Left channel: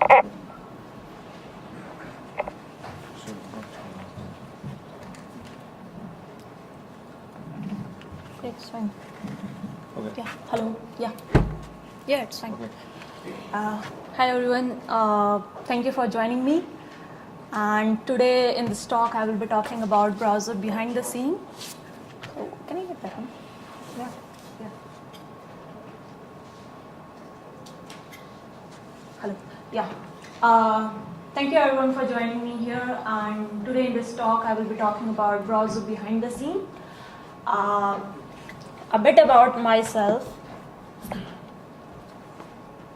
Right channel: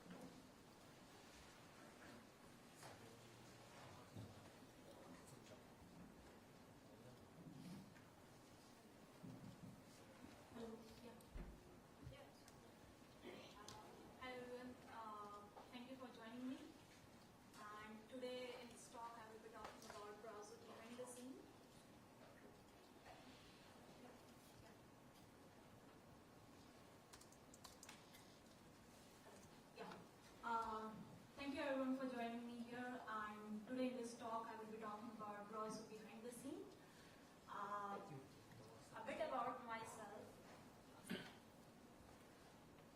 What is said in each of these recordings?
It's fine. Okay. Yeah. Hello. Yeah. Yeah, it's fine. Okay. Hi everyone. Thank you for joining me. And today in this talk, I will be talking about browser behind the scene. So can I get that one? Yeah. Yeah. Hello. Yeah. Thank you everyone for joining me here. And today in this talk, I will be talking about browser behind the scene. A bit about myself.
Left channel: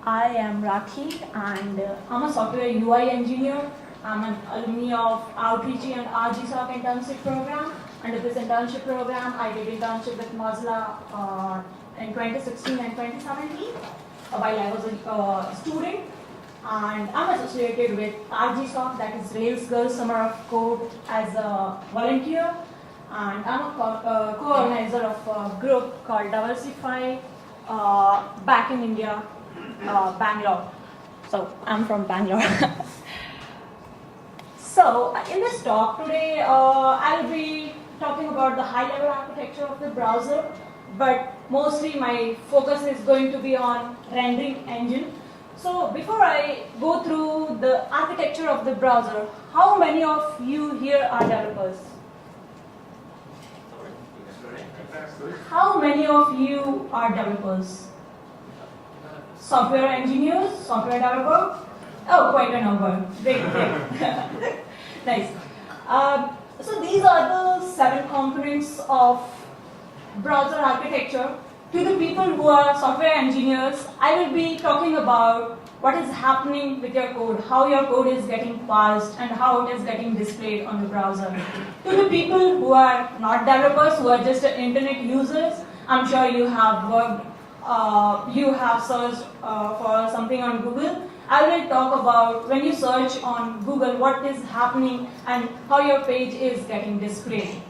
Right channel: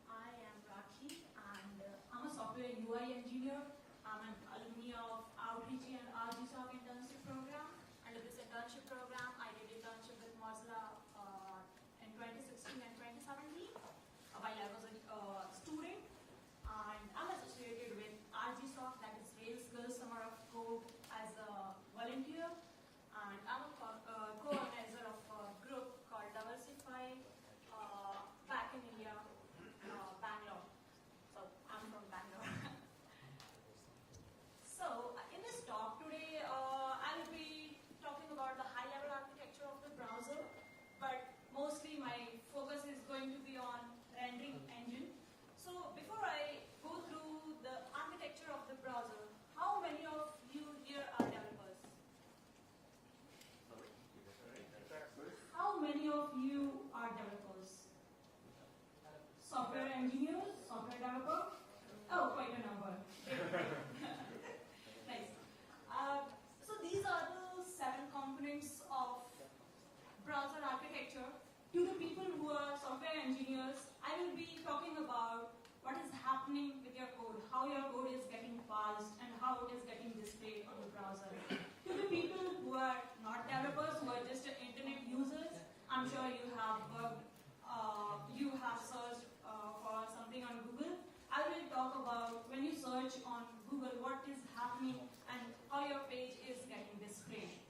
I am Rakhi and I'm a software UI engineer. I'm an alumni of Outreach and RGSOC internship program. Under this internship program, I did internship with Mozilla in 2016 and 2017 while I was a student. And I'm associated with RGSOC, that is Rails Girls Summer of Code, as a volunteer. And I'm a co-organizer of a group called Diversify back in India, Bangalore. So I'm from Bangalore. So in this talk today, I'll be talking about the high-level architecture of the browser, but mostly my focus is going to be on rendering engine. So before I go through the architecture of the browser, how many of you here are developers? How many of you are developers? Software engineers, software developer? Oh, quite a number. Great, great. Nice. So these are the 7 components of browser architecture. To the people who are software engineers, I will be talking about what is happening with your code, how your code is getting parsed, and how it is getting displayed on the browser. To the people who are not developers, who are just internet users, I'm sure you have worked, you have searched for something on Google. I will talk about when you search on Google, what is happening and how your page is getting displayed.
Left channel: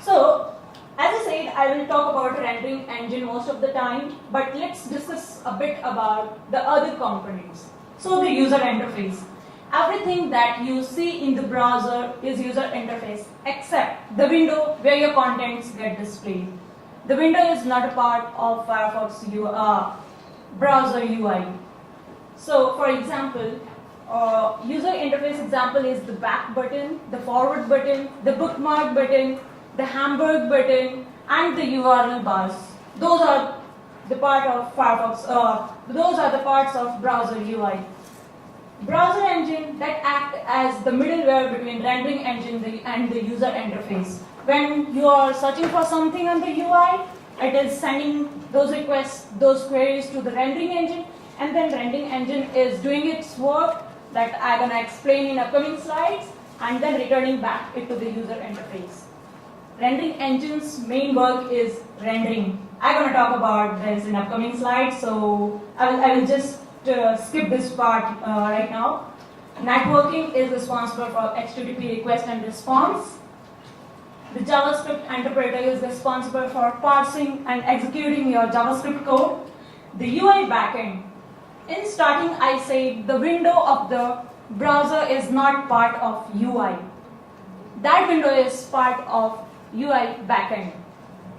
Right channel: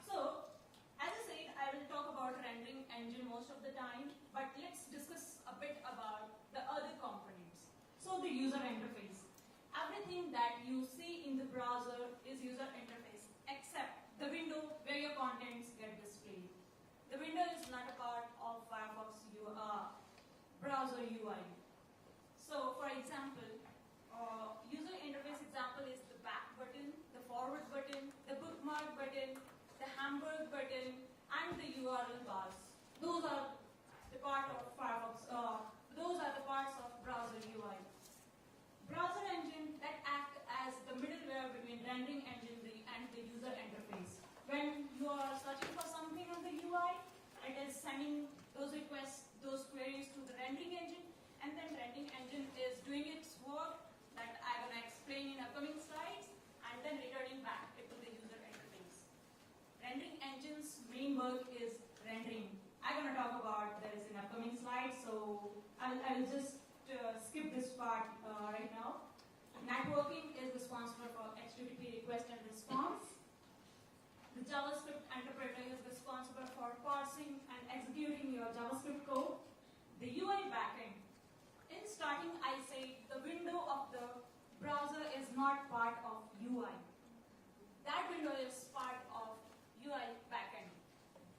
So, as I said, I will talk about rendering engine most of the time, but let's discuss a bit about the other components. So the user interface. Everything that you see in the browser is user interface, except the window where your contents get displayed. The window is not a part of Firefox browser UI. So for example, user interface example is the back button, the forward button, the bookmark button, the hamburg button, and the URL bars. Those are the part of Firefox. Those are the parts of browser UI. Browser engine that act as the middleware between rendering engine and the user interface. When you are searching for something on the UI, it is sending those requests, those queries to the rendering engine, and then rendering engine is doing its work that I'm gonna explain in upcoming slides, and then returning back it to the user interface. Rendering engine's main work is rendering. I'm going to talk about this in upcoming slides, so I will just skip this part right now. Networking is responsible for HTTP request and response. The JavaScript interpreter is responsible for parsing and executing your JavaScript code. The UI backend. In starting, I said the window of the browser is not part of UI. That window is part of UI backend.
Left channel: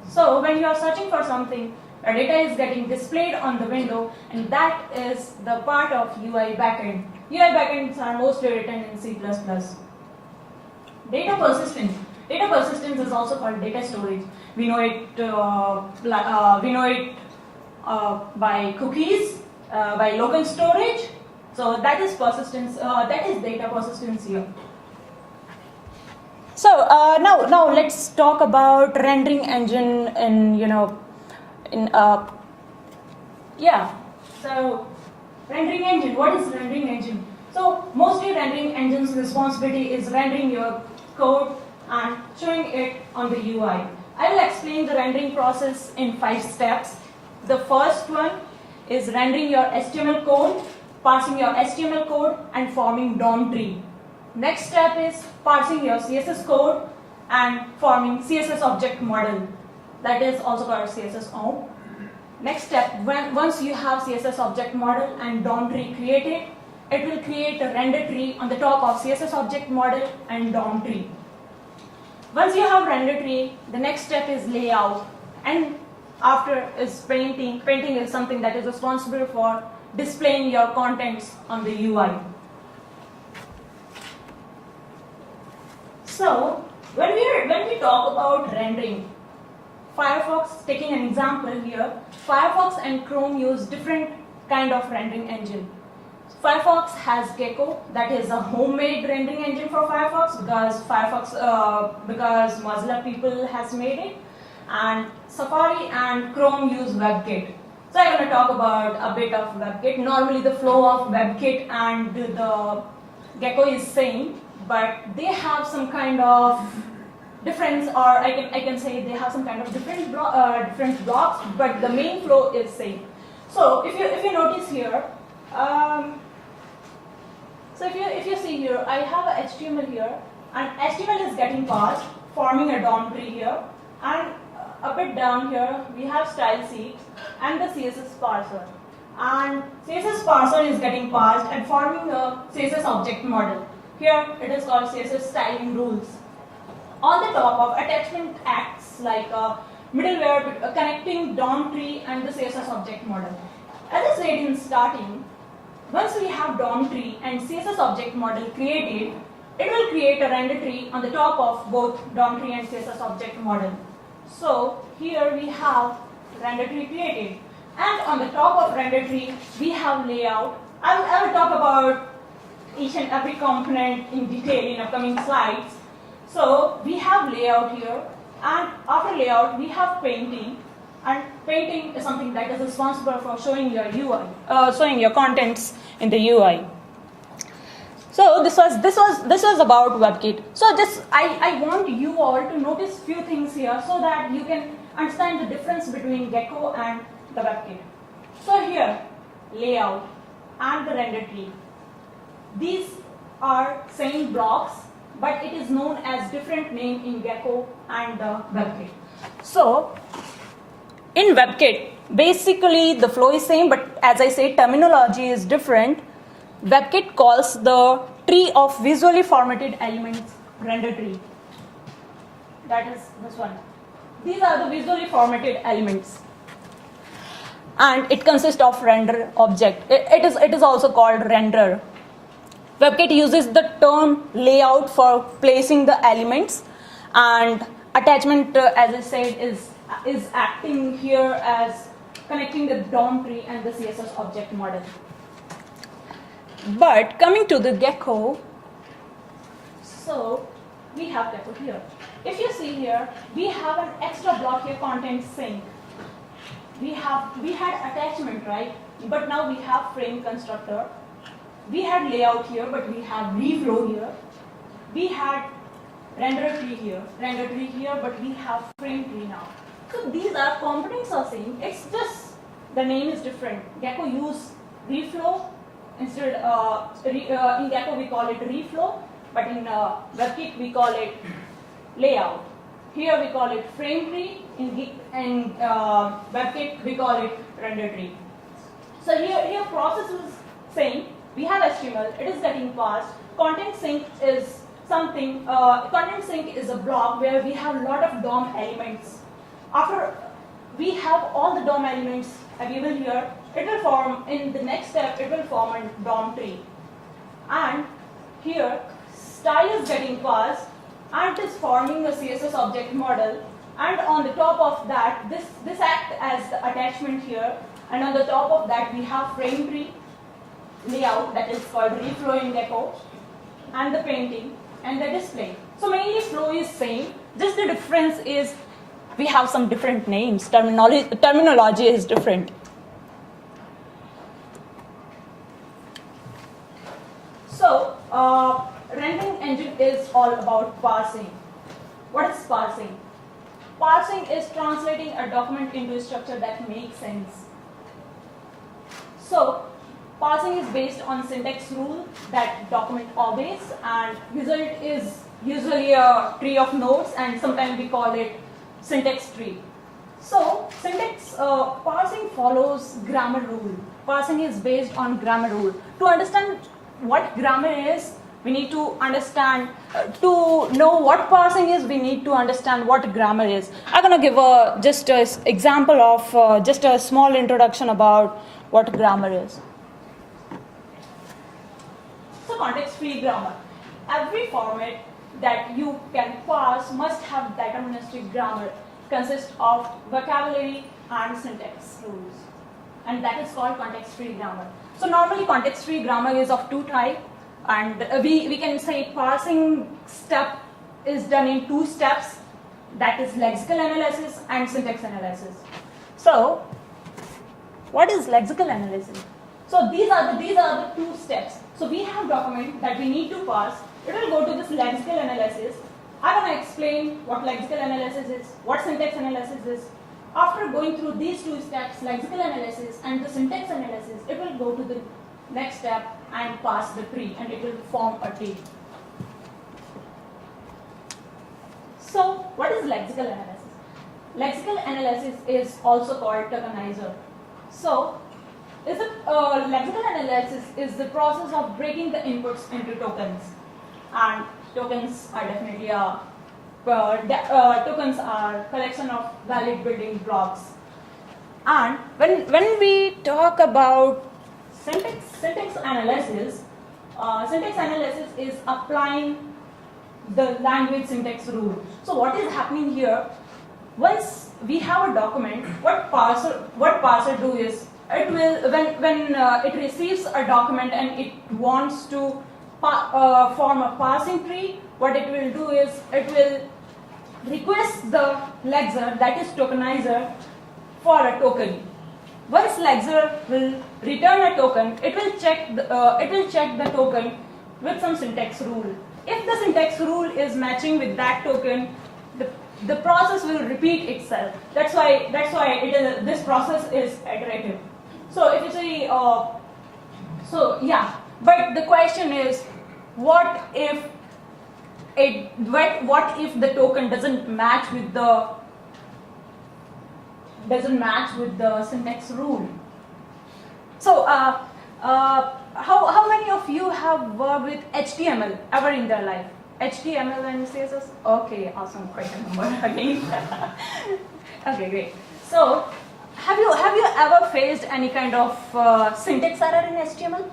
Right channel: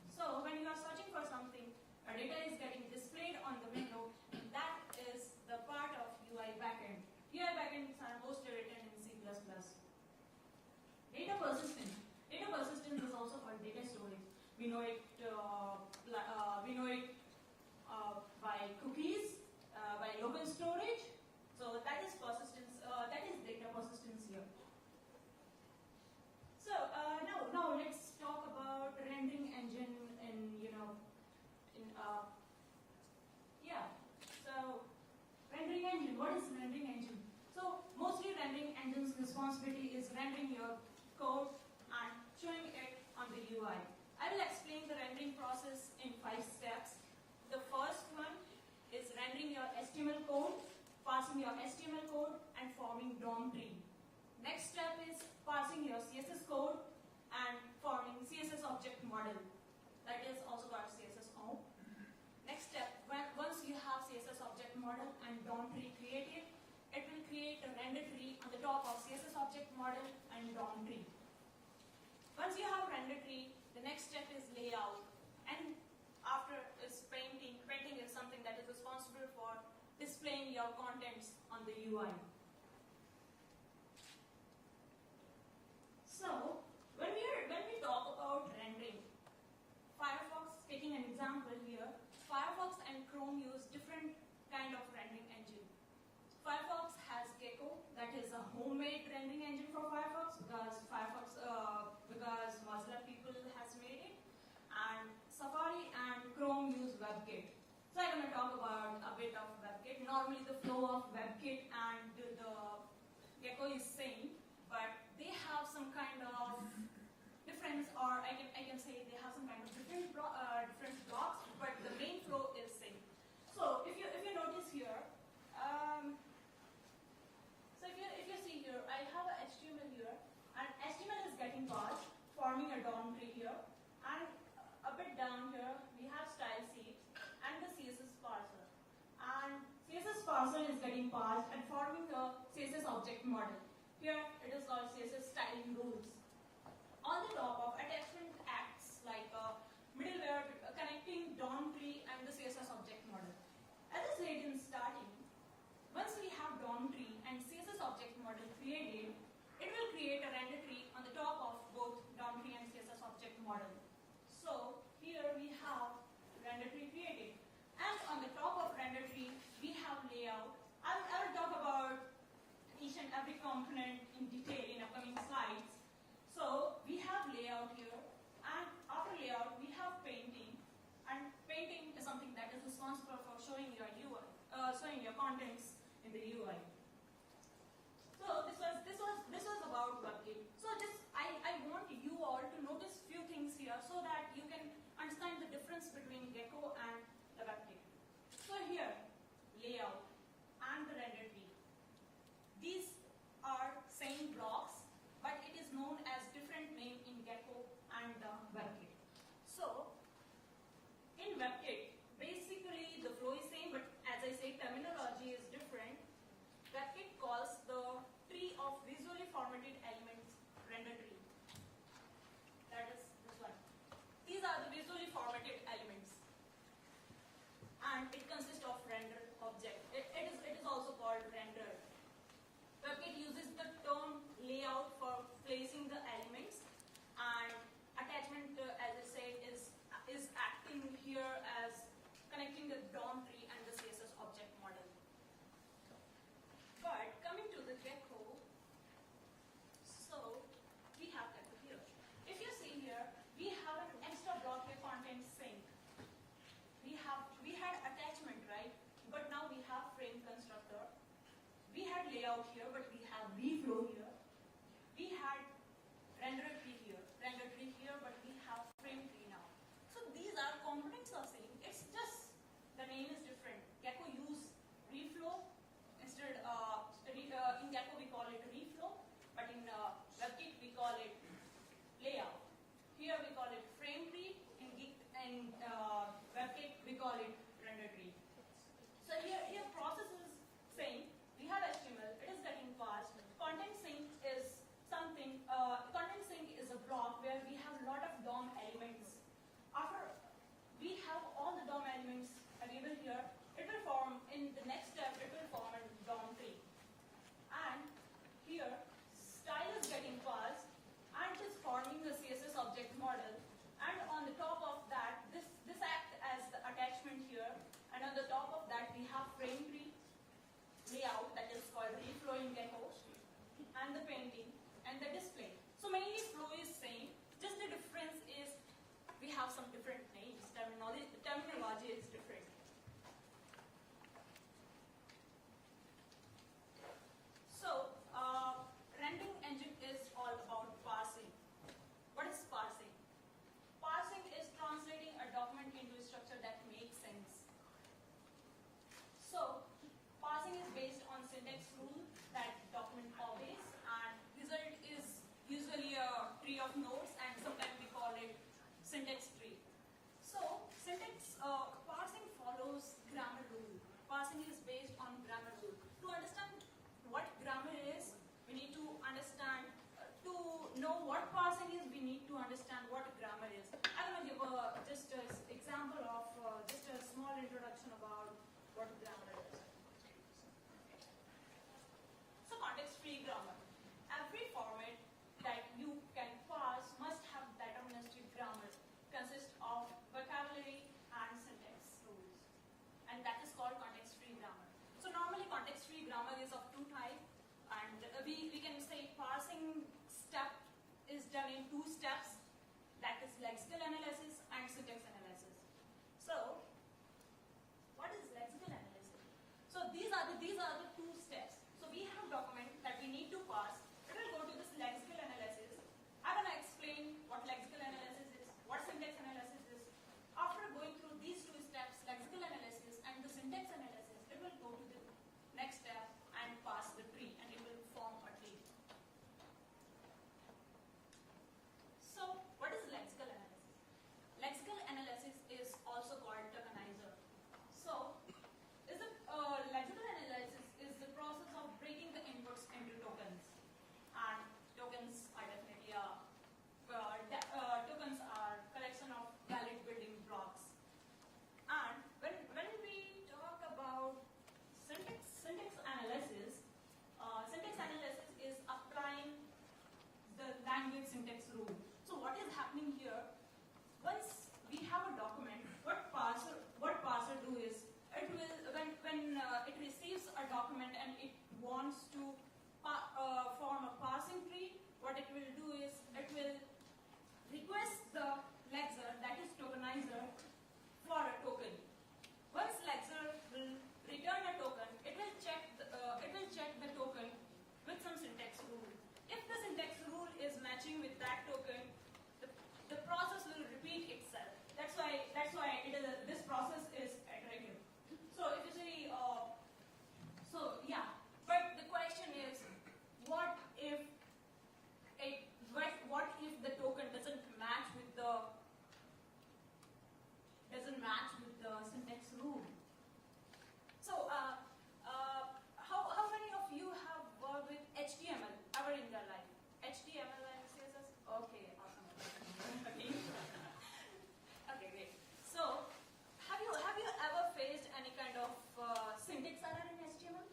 So when you are searching for something, your data is getting displayed on the window, and that is the part of UI backend. UI backends are mostly written in C++. Data persistence. Data persistence is also called data storage. We know it by cookies, by local storage. So that is persistence. That is data persistence here. So now let's talk about rendering engine So rendering engine, what is rendering engine? So mostly rendering engine's responsibility is rendering your code and showing it on the UI. I will explain the rendering process in 5 steps. The first one is rendering your HTML code, parsing your HTML code, and forming DOM tree. Next step is parsing your CSS code and forming CSS object model. That is also called CSS OM. Next step, once you have CSS object model and DOM tree created, it will create a render tree on the top of CSS object model and DOM tree. Once you have render tree, the next step is layout, and after is painting. Painting is something that is responsible for displaying your contents on the UI. So when we talk about rendering, Firefox, taking an example here, Firefox and Chrome use different kind of rendering engine. Firefox has Gecko, that is a homemade rendering engine for Firefox because Mozilla people has made it, and Safari and Chrome use WebKit. So I'm going to talk about a bit of WebKit. Normally the flow of WebKit and the Gecko is same, but they have some kind of difference, or I can say they have some kind of different blocks, but the main flow is same. So if you notice here, so if you see here, I have a HTML here, and HTML is getting parsed, forming a DOM tree here, and a bit down here we have style sheet and the CSS parser, and CSS parser is getting parsed and forming a CSS object model. Here it is called CSS styling rules. On the top of attachment acts like a middleware connecting DOM tree and the CSS object model. As I said in starting, once we have DOM tree and CSS object model created, it will create a render tree on the top of both DOM tree and CSS object model. So here we have render tree created, and on the top of render tree we have layout. I will talk about each and every component in detail in upcoming slides. So we have layout here, and after layout we have painting, and painting is something that is responsible for showing your UI, showing your contents in the UI. So this was about WebKit. So I want you all to notice few things here so that you can understand the difference between Gecko and the WebKit. So here, layout and the render tree. These are same blocks, but it is known as different name in Gecko and the WebKit. So in WebKit, basically the flow is same, but as I say, terminology is different. WebKit calls the tree of visually formatted elements render tree. That is this one. These are the visually formatted elements, and it consists of render object. It is also called render. WebKit uses the term layout for placing the elements, and attachment, as I said, is acting here as connecting the DOM tree and the CSS object model. But coming to the Gecko, so we have Gecko here. If you see here, we have an extra block here, content sync. We had attachment, right? But now we have frame constructor. We had layout here, but we have reflow here. We had render tree here, but we have frame tree now. So these are components are same. It's just the name is different. Gecko use reflow. Instead, in Gecko we call it reflow, but in WebKit we call it layout. Here we call it frame tree. In WebKit we call it render tree. So here process is same. We have HTML. It is getting parsed. Content sync is something. Content sync is a block where we have a lot of DOM elements. After we have all the DOM elements available here, it will form, in the next step, it will form a DOM tree. And here, style is getting parsed, and it is forming a CSS object model. And on the top of that, this acts as the attachment here. And on the top of that, we have frame tree, layout, that is called reflow in Gecko, and the painting, and the display. So mainly flow is same. Just the difference is we have some different names. Terminology is different. So, rendering engine is all about parsing. What is parsing? Parsing is translating a document into a structure that makes sense. So, parsing is based on syntax rule that document obeys, and result is usually a tree of nodes, and sometimes we call it syntax tree. So, parsing follows grammar rule. Parsing is based on grammar rule. To understand what grammar is, we need to understand, to know what parsing is, we need to understand what grammar is. I'm going to give just an example of just a small introduction about what grammar is. So context-free grammar. Every format that you can parse must have deterministic grammar, consists of vocabulary and syntax rules. And that is called context-free grammar. So normally context-free grammar is of two types. And we can say parsing step is done in two steps. That is lexical analysis and syntax analysis. So what is lexical analysis? So these are the two steps. So we have document that we need to parse. It will go to this lexical analysis. I'm going to explain what lexical analysis is, what syntax analysis is. After going through these two steps, lexical analysis and the syntax analysis, it will go to the next step and parse the tree, and it will form a tree. So what is lexical analysis? Lexical analysis is also called tokenizer. So lexical analysis is the process of breaking the inputs into tokens, and tokens are definitely tokens are collection of valid building blocks. And when we talk about syntax analysis is applying the language syntax rule. So what is happening here? Once we have a document, what parser do is, it will when it receives a document and it wants to form a parsing tree, what it will do is it will request the lexer, that is tokenizer, for a token. Once lexer will return a token, it will check the token with some syntax rule. If the syntax rule is matching with that token, the process will repeat itself. That's why this process is iterative. So if you say, but the question is, what if the token doesn't match with the syntax rule? So how many of you have worked with HTML ever in their life? HTML and CSS? Okay, awesome, quite a number again. Okay, great. So have you ever faced any kind of syntax error in HTML?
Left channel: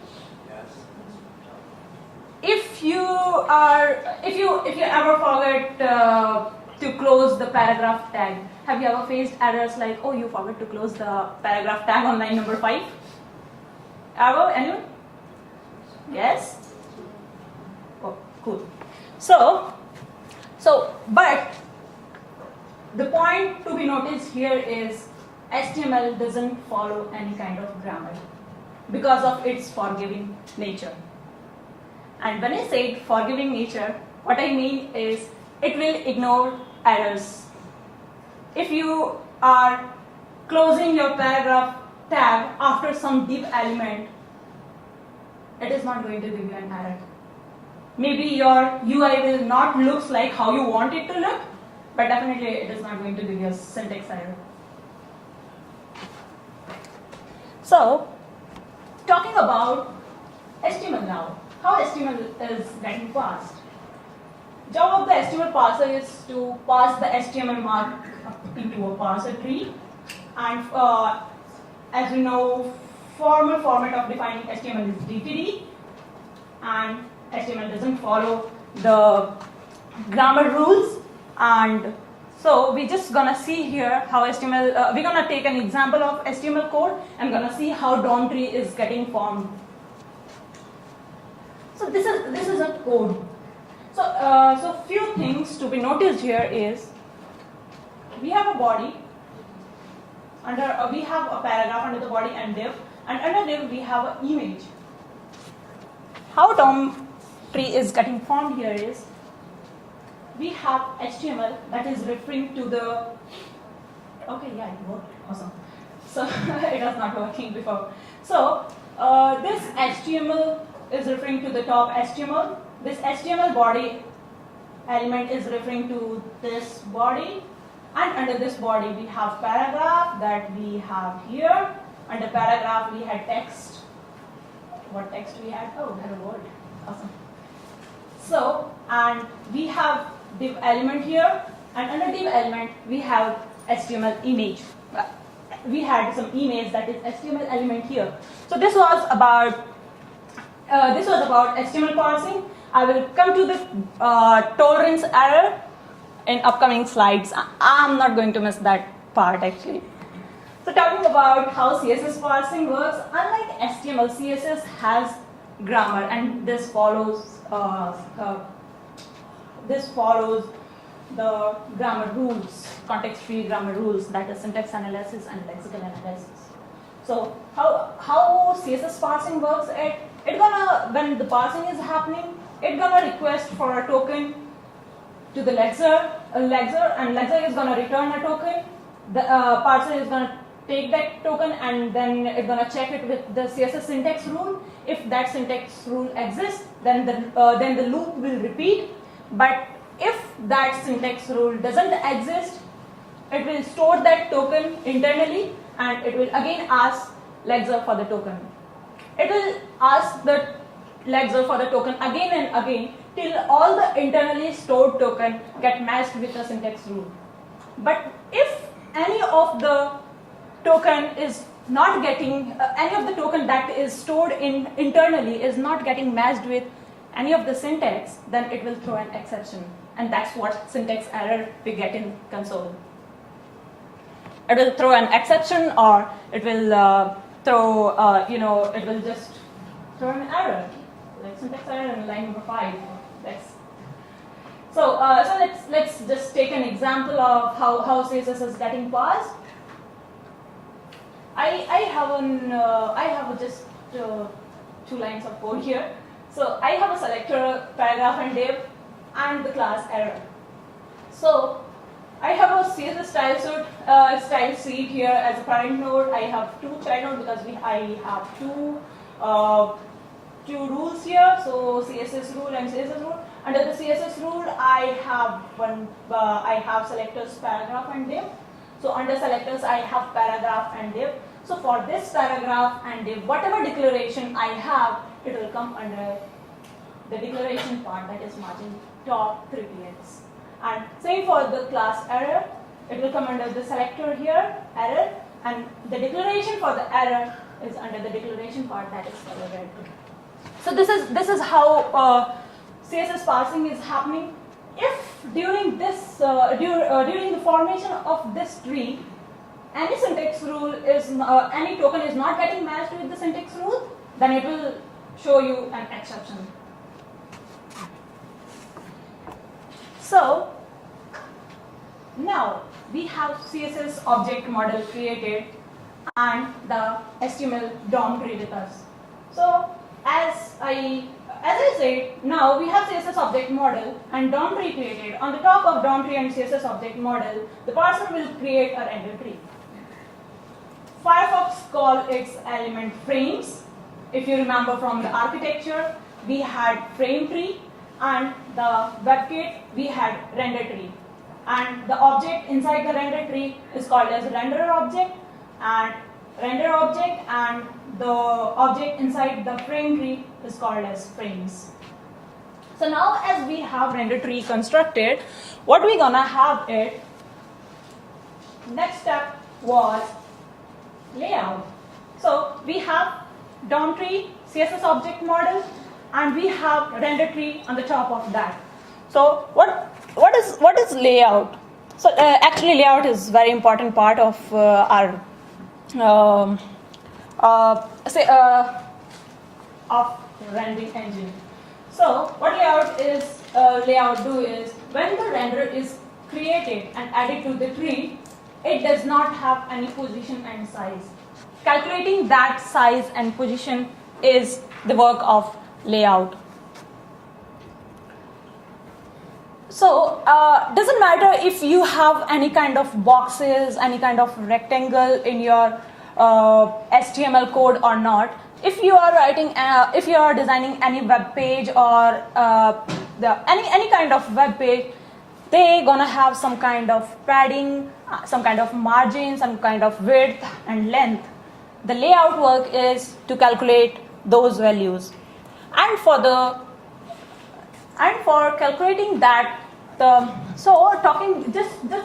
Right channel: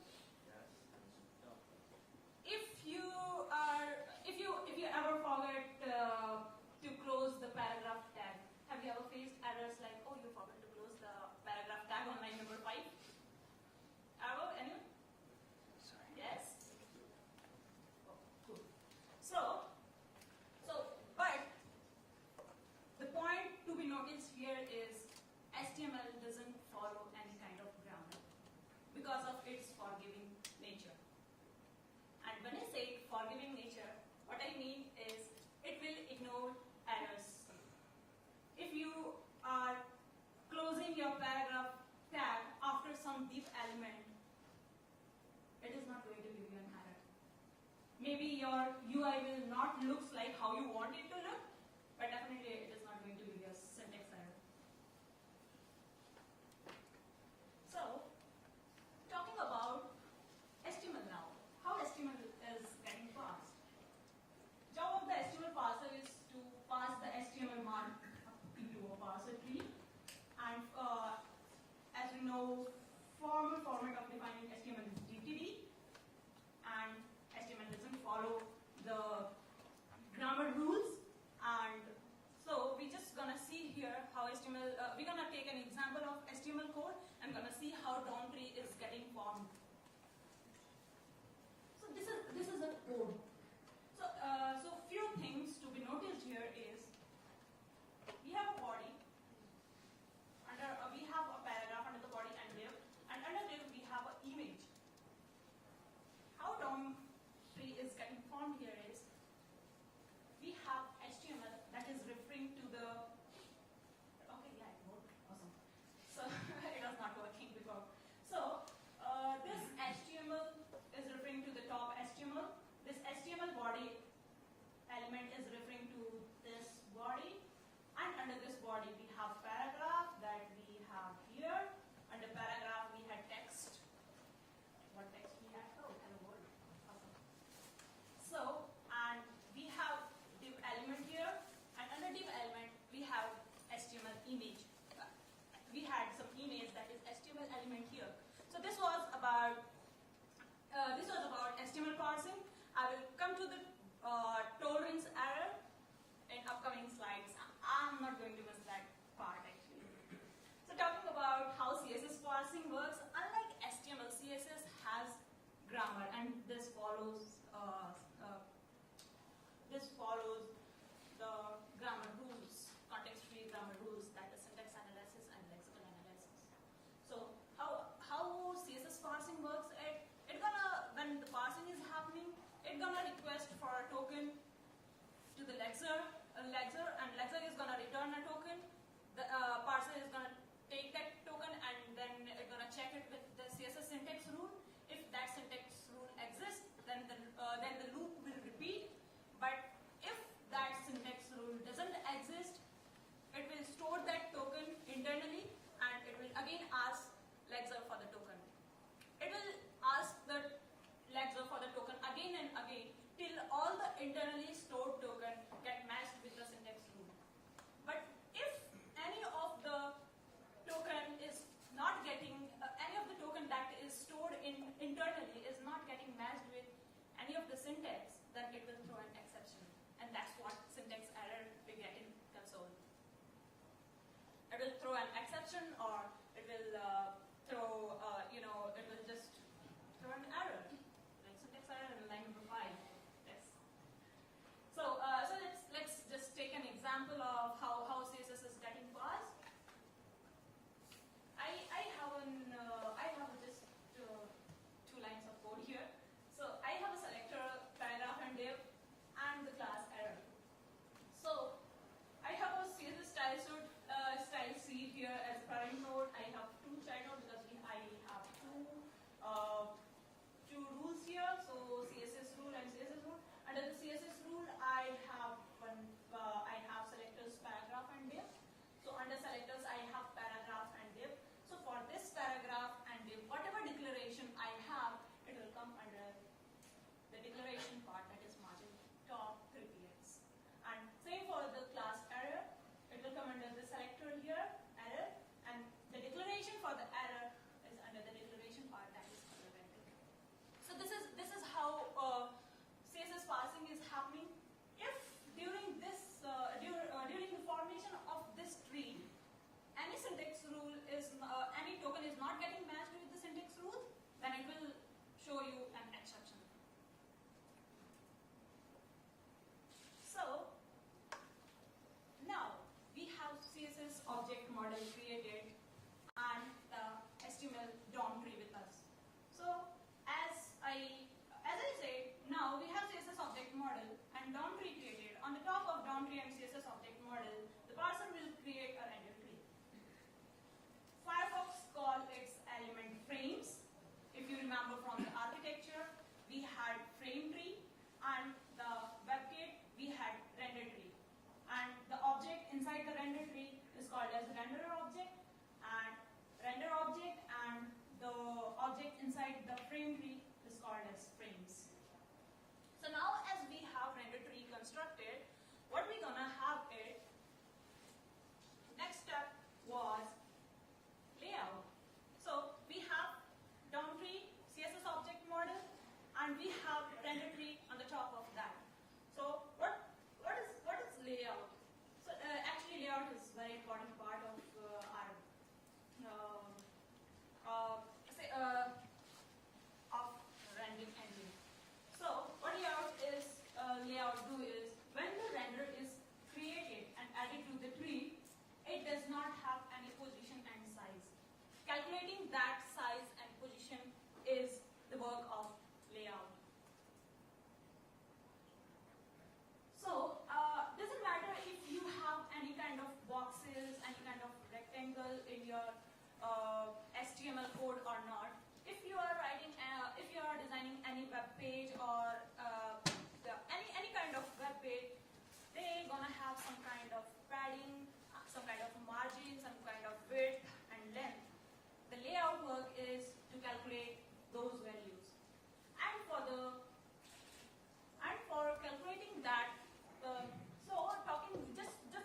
If you ever forget to close the paragraph tag, have you ever faced errors like, oh, you forgot to close the paragraph tag on line number 5? Ever? Anyone? Yes? Oh, cool. But the point to be noticed here is HTML doesn't follow any kind of grammar because of its forgiving nature. And when I say forgiving nature, what I mean is it will ignore errors. If you are closing your paragraph tab after some div element, it is not going to give you an error. Maybe your UI will not look like how you want it to look, but definitely it is not going to give you a syntax error. So, talking about HTML now. How HTML is getting parsed? Job of the HTML parser is to parse the HTML mark into a parser tree, and as we know, formal format of defining HTML is DTD, and HTML doesn't follow the grammar rules. And so we're just gonna see here how HTML. We're gonna take an example of HTML code and gonna see how DOM tree is getting formed. So this is a code. So few things to be noticed here is we have a body. We have a paragraph under the body and div, and under div we have an image. How DOM tree is getting formed here is we have HTML that is referring to the. Okay, yeah, it worked. Awesome. So it was not working before. So this HTML is referring to the top HTML. This HTML body element is referring to this body, and under this body we have paragraph that we have here. Under paragraph we had text what text we had. Oh, hello world. Awesome. So, and we have div element here, and under div element we have HTML image. We had some image that is HTML element here. So this was about HTML parsing. I will come to the tolerance error in upcoming slides. I'm not going to miss that part actually. So talking about how CSS parsing works, unlike HTML, CSS has grammar, and this follows the grammar rules, context-free grammar rules, that is syntax analysis and lexical analysis. So how CSS parsing works? It gonna, when the parsing is happening, it gonna request for a token to the lexer, and lexer is gonna return a token. The parser is gonna take that token, and then it's gonna check it with the CSS syntax rule. If that syntax rule exists, then the loop will repeat. But if that syntax rule doesn't exist, it will store that token internally, and it will again ask lexer for the token. It will ask the lexer for the token again and again till all the internally stored token get matched with the syntax rule. But if any of the token is not getting, any of the token that is stored internally is not getting matched with any of the syntax, then it will throw an exception. And that's what syntax error we get in console. It will throw an exception, or it will it will just throw an error, like syntax error in line number 5. So let's just take an example of how CSS is getting parsed. I have just 2 lines of code here. So I have a selector, paragraph, and div, and the class error. So I have a CSS style sheet here as a parent node. I have 2 child nodes because I have two rules here. So CSS rule and CSS rule. Under the CSS rule, I have selectors, paragraph, and div. So under selectors, I have paragraph and div. So for this paragraph and div, whatever declaration I have, it will come under the declaration part, that is margin top 3 px. And same for the class error, it will come under the selector here, error, and the declaration for the error is under the declaration part, that is color red. So this is how CSS parsing is happening. If during this during the formation of this tree, any syntax rule is any token is not getting matched with the syntax rule, then it will show you an exception. So now we have CSS object model created and the HTML DOM tree with us. So as I said, now we have CSS object model and DOM tree created. On the top of DOM tree and CSS object model, the parser will create a render tree. Firefox calls its element frames. If you remember from the architecture, we had frame tree, and the WebKit we had render tree. And the object inside the render tree is called as renderer object, and the object inside the frame tree is called as frames. So now as we have render tree constructed, what we're gonna have it, next step was layout. So we have DOM tree, CSS object model, and we have render tree on the top of that. So what is layout? So actually layout is very important part of our of rendering engine. So what layout do is when the renderer is created and added to the tree, it does not have any position and size. Calculating that size and position is the work of layout. So doesn't matter if you have any kind of boxes, any kind of rectangle in your HTML code or not. If you are writing, if you are designing any web page or any kind of web page, they're gonna have some kind of padding, some kind of margin, some kind of width and length. The layout work is to calculate those values. And for calculating that, just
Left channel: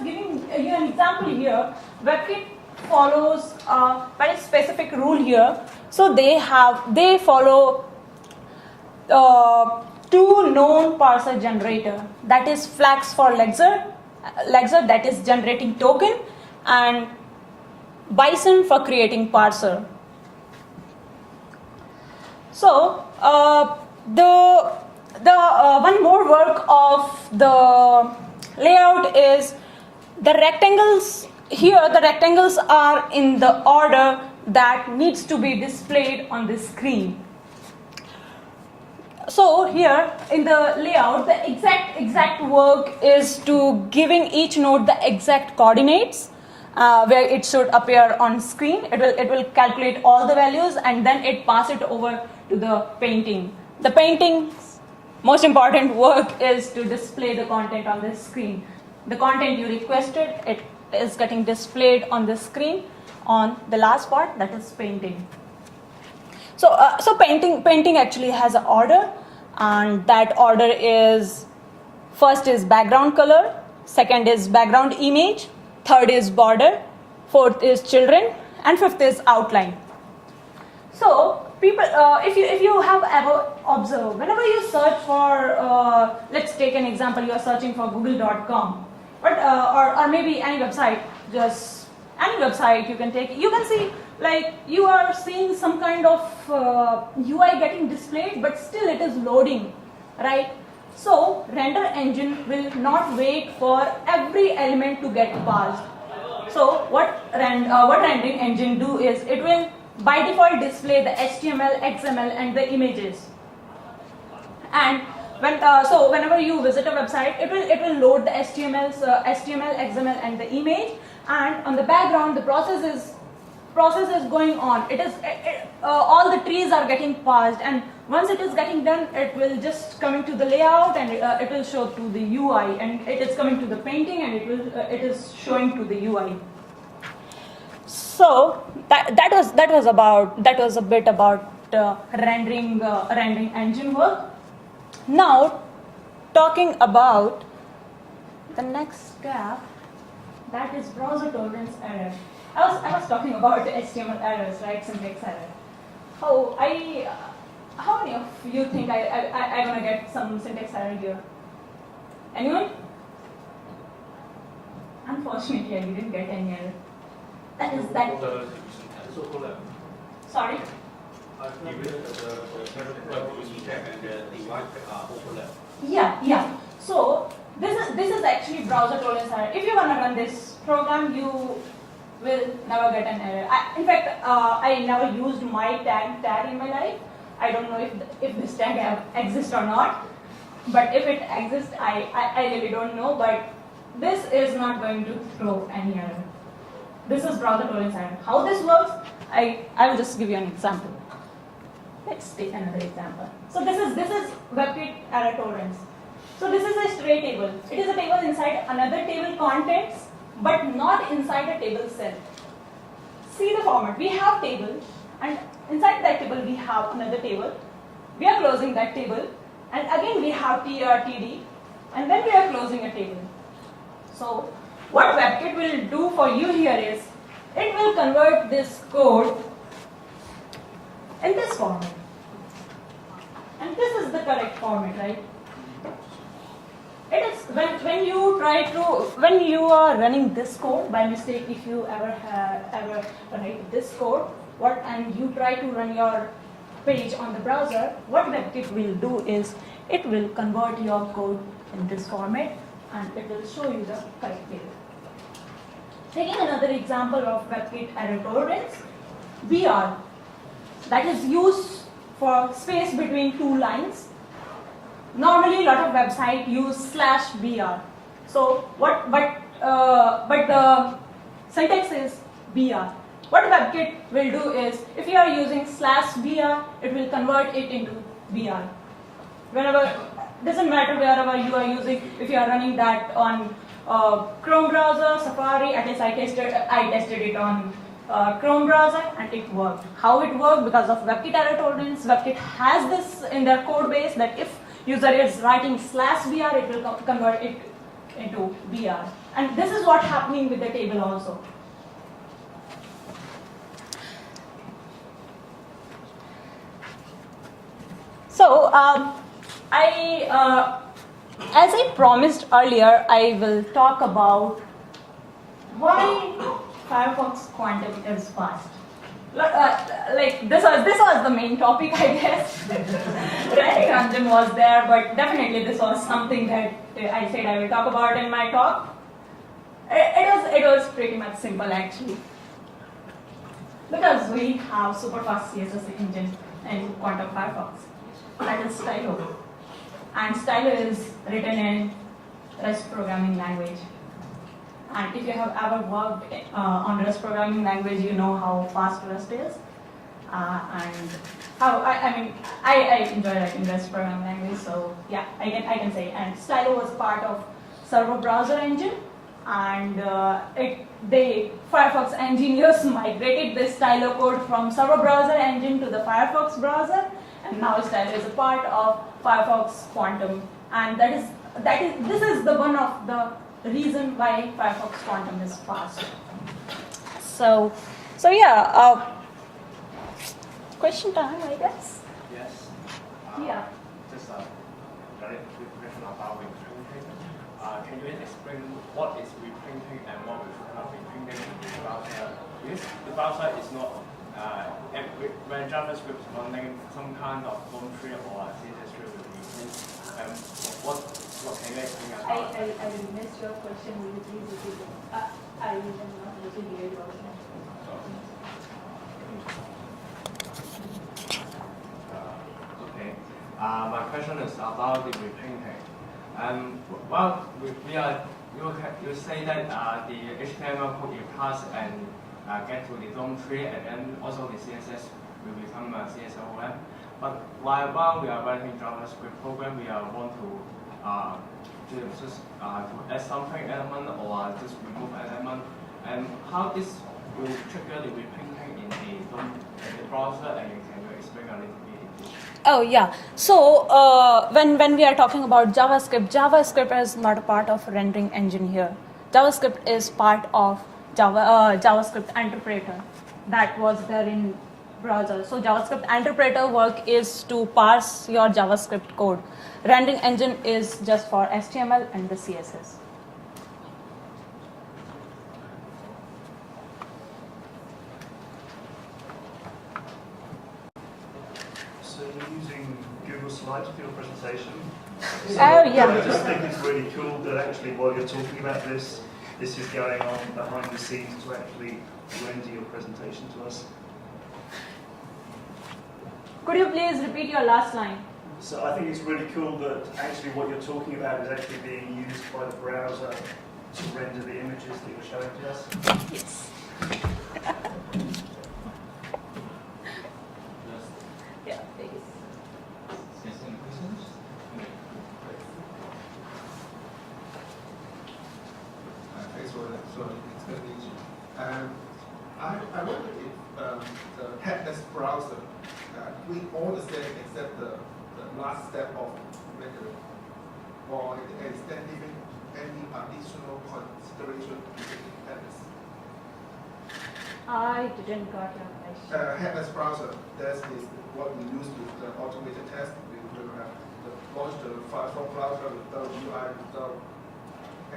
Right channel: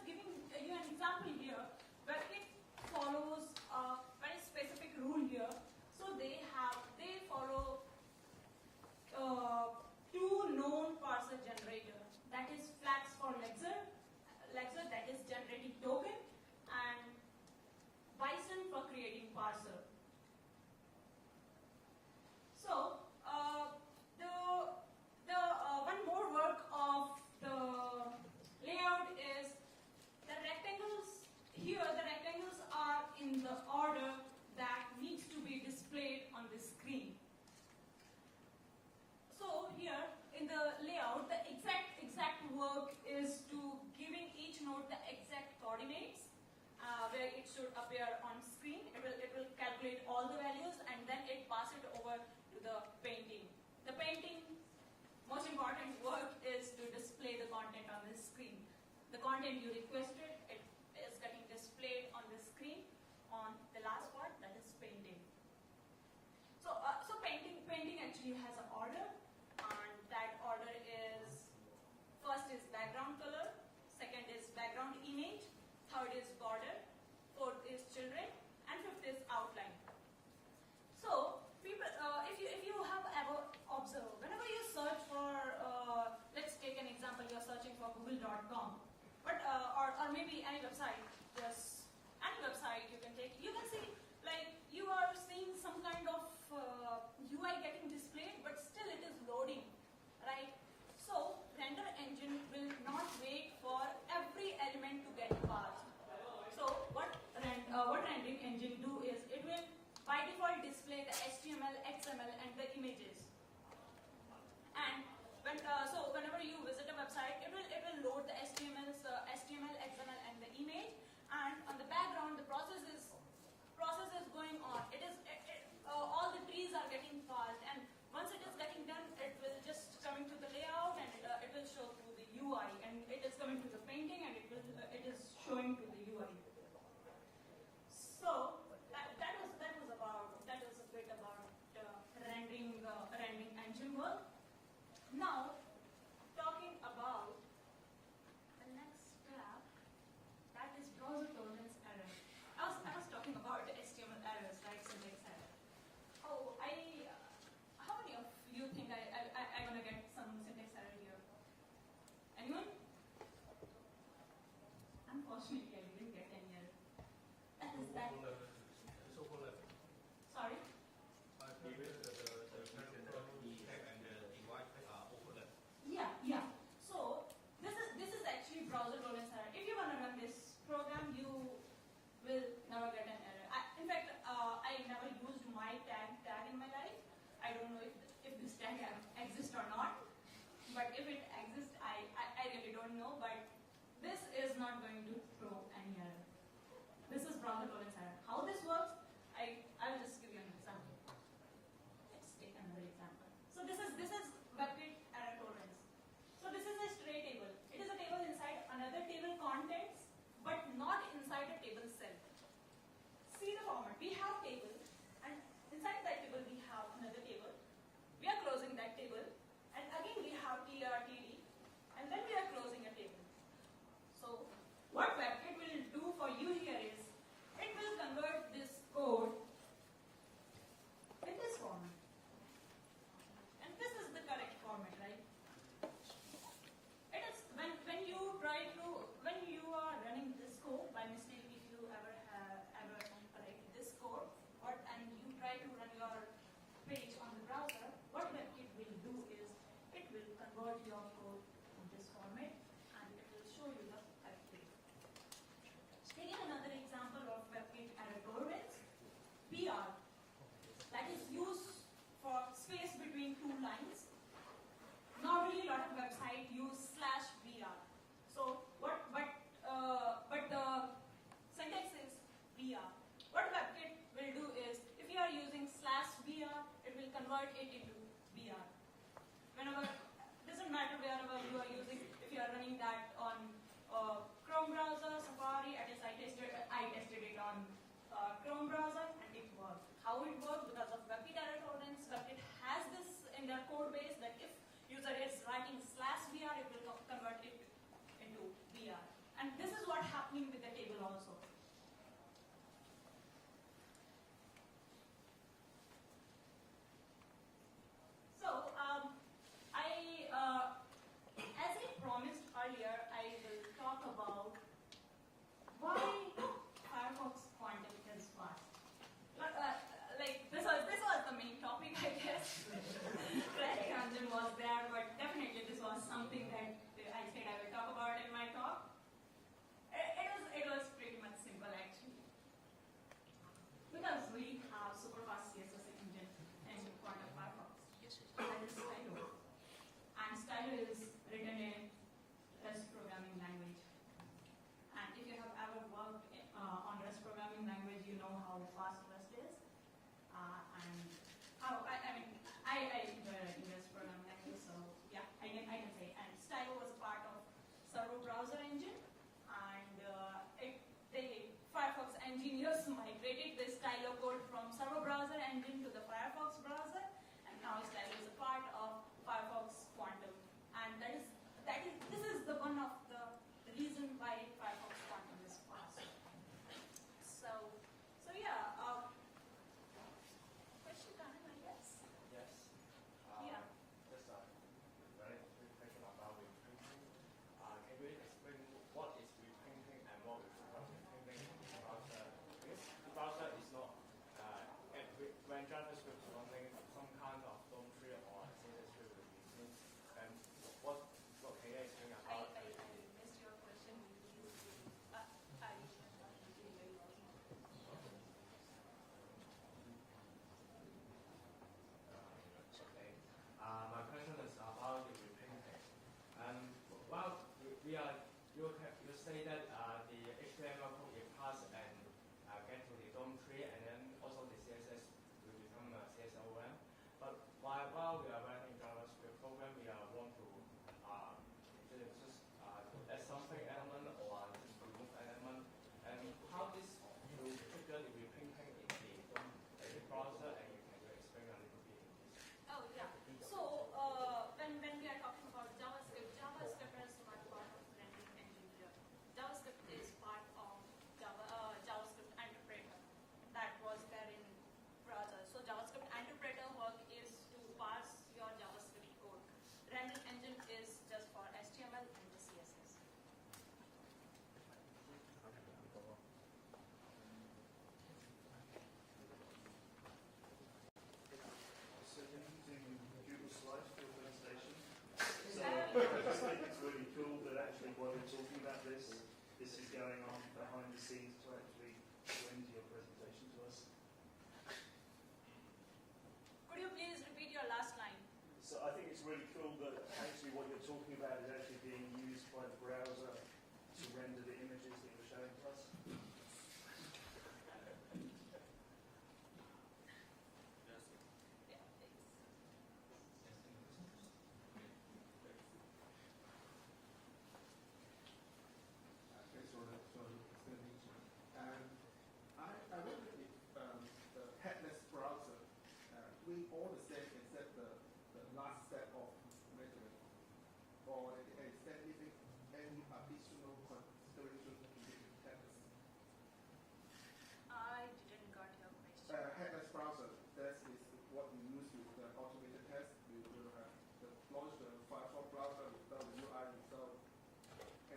giving you an example here, WebKit follows a very specific rule here. So they follow two known parser generator, that is Flax for Lexer that is generating token, and Bison for creating parser. So the one more work of the layout is the rectangles. Here the rectangles are in the order that needs to be displayed on the screen. So here in the layout, the exact work is to giving each node the exact coordinates where it should appear on screen. It will calculate all the values and then it pass it over to the painting. The painting's most important work is to display the content on the screen. The content you requested, it is getting displayed on the screen on the last part, that is painting. So painting actually has an order, and that order is, first is background color, second is background image, third is border, fourth is children, and fifth is outline. So people, if you have ever observed, whenever you search for, let's take an example, you are searching for google.com, or maybe any website, just any website you can take, you can see like you are seeing some kind of UI getting displayed, but still it is loading, right? So render engine will not wait for every element to get parsed. So what rendering engine do is it will by default display the HTML, XML, and the images. And whenever you visit a website, it will load the HTML, XML, and the image. And on the background, the process is going on. All the trees are getting parsed, and once it is getting done, it will just come into the layout, and it will show to the UI, and it is coming to the painting, and it is showing to the UI. So that was a bit about rendering engine work. Now, talking about the next step, that is browser tolerance error. I was talking about HTML errors, right? Syntax error. How many of you think I'm gonna get some syntax error here? Anyone? Unfortunately, I didn't get any error. That. Sorry. Yeah. So this is actually browser tolerance error. If you wanna run this program, you will never get an error. In fact, I never used my tag in my life. I don't know if this tag exists or not. But if it exists, I really don't know. But this is not going to throw any error. This is browser tolerance error. How this works, I will just give you an example. Let's take another example. So this is WebKit error tolerance. So this is a straight table. It is a table inside another table contents, but not inside a table cell. See the format. We have table, and inside that table we have another table. We are closing that table, and again we have TD, and then we are closing a table. So what WebKit will do for you here is, it will convert this code in this format. And this is the correct format, right? It is when you are running this code by mistake, if you ever write this code, and you try to run your page on the browser, what WebKit will do is it will convert your code in this format, and it will show you the correct table. Taking another example of WebKit error tolerance, BR, that is used for space between two lines. Normally, a lot of websites use /br. So but the syntax is br. What WebKit will do is, if you are using /br, it will convert it into br. Whenever, doesn't matter wherever you are using. If you are running that on Chrome browser, Safari, at least I tested it on Chrome browser, and it worked. How it worked? Because of WebKit error tolerance. WebKit has this in their code base that if user is writing /br, it will convert it into br. And this is what's happening with the table also. So as I promised earlier, I will talk about why Firefox Quantum is fast. Like this was the main topic, I guess. Rendering engine was there, but definitely this was something that I said I will talk about in my talk. It was pretty much simple actually, because we have super fast CSS engine in Quantum Firefox. That is Stylo, and Stylo is written in REST programming language. And if you have ever worked on REST programming language, you know how fast REST is. And how I enjoy writing REST programming language, so yeah, I can say. And Stylo was part of server browser engine, and Firefox engineers migrated this Stylo code from server browser engine to the Firefox browser, and now Stylo is a part of Firefox Quantum, and this is the one of the reason why Firefox Quantum is fast. So yeah, question time, I guess. Yes. Yeah. Just a very quick question about reprinting. Can you explain what is reprinting and what is reprinting in the browser? Yes, the browser is not when JavaScript is running some kind of home tree or CSS tree will reprint. What can you explain about? I missed your question. Will you please repeat it? I am not able to hear your question. Okay. My question is about the reprinting. Well, you say that the HTML code you pass and get to the DOM tree, and then also the CSS will become a CSOM. But while we are writing JavaScript program, we want to just to add something element or just remove element, and how this will trigger the reprinting in the browser, and can you explain a little bit? Oh yeah. So when we are talking about JavaScript is not a part of rendering engine here. JavaScript is part of JavaScript interpreter that was there in browser. So JavaScript interpreter work is to parse your JavaScript code. Rendering engine is just for HTML and the CSS. So you're using Google Slides for your presentation? Oh yeah. I just think it's really cool that actually while you're talking about this is going on behind the scenes to actually render your presentation to us. Could you please repeat your last line? So I think it's really cool that actually what you're talking about is actually being used by the browser to render the images that you're showing to us. Yes. Yeah, please. Yes, any questions? Thanks for that. So it's going to be easy. I wonder if the headless browser we all the same except the last step of rendering, or is there even any additional consideration to the headless? I didn't got your question. Headless browser, that's what we use with the automated test. We will have the launch the Firefox browser without UI, without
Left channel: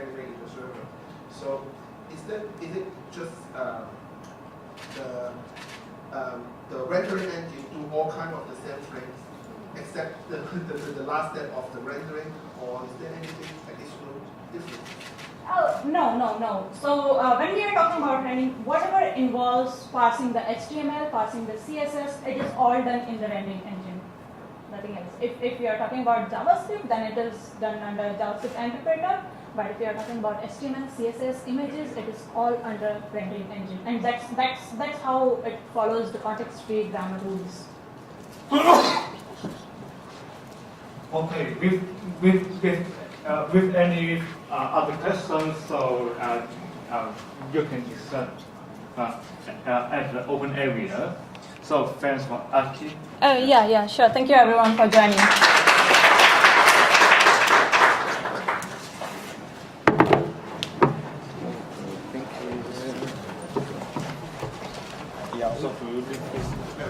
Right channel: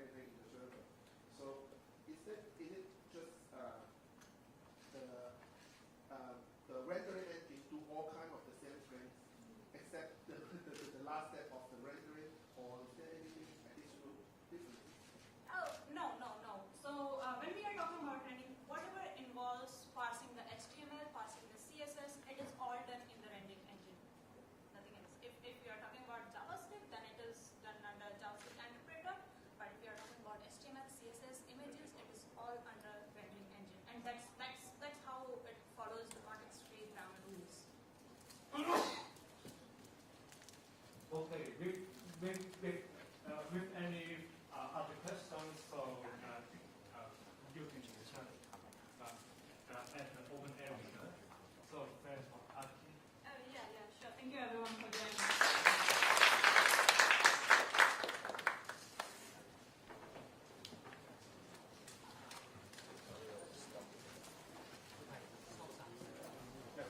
anything in the server. So is it just the rendering engine do all kind of the same things except the last step of the rendering, or is there anything additional different? Oh, no. So when we are talking about rendering, whatever involves parsing the HTML, parsing the CSS, it is all done in the rendering engine. Nothing else. If we are talking about JavaScript, then it is done under JavaScript interpreter. But if you are talking about HTML, CSS, images, it is all under rendering engine, and that's how it follows the context-free grammar rules. Okay, with any other questions, so you can discuss. at the open area. So thanks for asking. Oh, yeah, sure. Thank you everyone for joining. Thank you.